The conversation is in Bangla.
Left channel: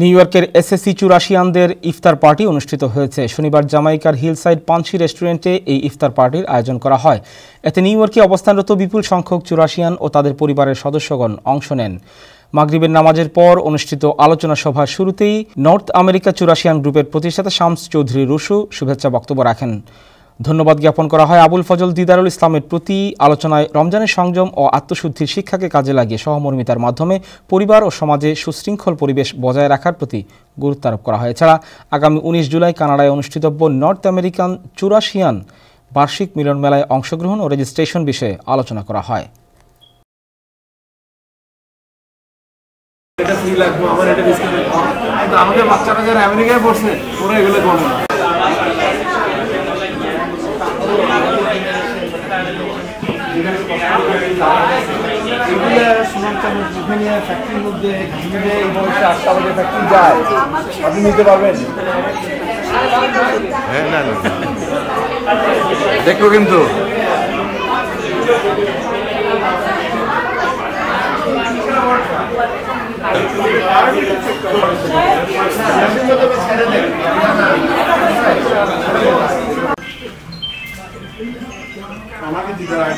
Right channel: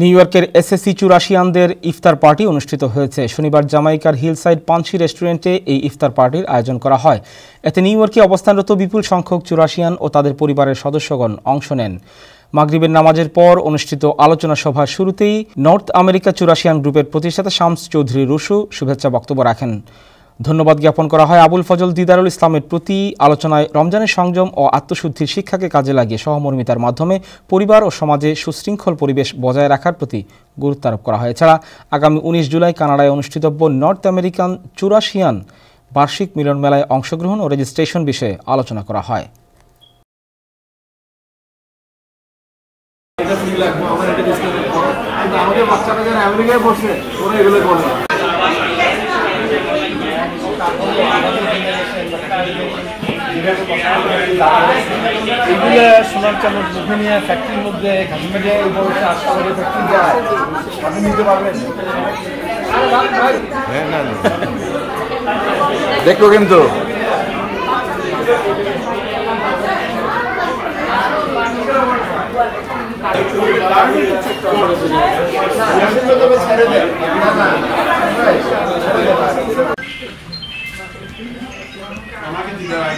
নিউ ইয়র্কের এসএসসি চুরাশিয়ানদের ইফতার পার্টি অনুষ্ঠিত হয়েছে। শনিবার জামাইকার হিলসাইড পাঞ্চি রেস্টুরেন্টে এই ইফতার পার্টির আয়োজন করা হয়। এতে নিউ ইয়র্কে অবস্থানরত বিপুল সংখ্যক চুরাশিয়ান ও তাদের পরিবারের সদস্যগণ অংশ নেন। মাগরিবের নামাজের পর অনুষ্ঠিত আলোচনা সভার শুরুতেই নর্থ আমেরিকা চুরাশিয়ান গ্রুপের প্রতিষ্ঠাতা শামস চৌধুরী রুশু শুভেচ্ছা বক্তব্য রাখেন। ধন্যবাদ জ্ঞাপন করা হয় আবুল ফজল দিদারুল ইসলামের প্রতি। আলোচনায় রমজানের সংযম ও আত্মশুদ্ধির শিক্ষাকে কাজে লাগিয়ে সহমর্মিতার মাধ্যমে পরিবার ও সমাজে সুশৃঙ্খল পরিবেশ বজায় রাখার প্রতি গুরুত্ব আরোপ করা হয়। এছাড়া আগামী 19 জুলাই কানাডায় অনুষ্ঠিতব্য নর্থ আমেরিকান চুরাশিয়ান বার্ষিক মিলন মেলায় অংশগ্রহণ ও রেজিস্ট্রেশন বিষয়ে আলোচনা করা হয়। এটা ফ্রি লাগবে, আমার এটা ডিসকাউন্ট কম, কিন্তু আমাদের বাচ্চারা যারা আমেরিকায় পড়ছে ওরা এগুলো করে না। সোনার চামচ মুখে নিয়ে ফ্যাক্টরির মধ্যে কাশ্মীরে এই বয়সে 8টা বাজে ফ্যাক্টরি যায়, আপনি নিতে পারবেন? হ্যাঁ, না না দেখো কিন্তু আমাকে দিতে হবে।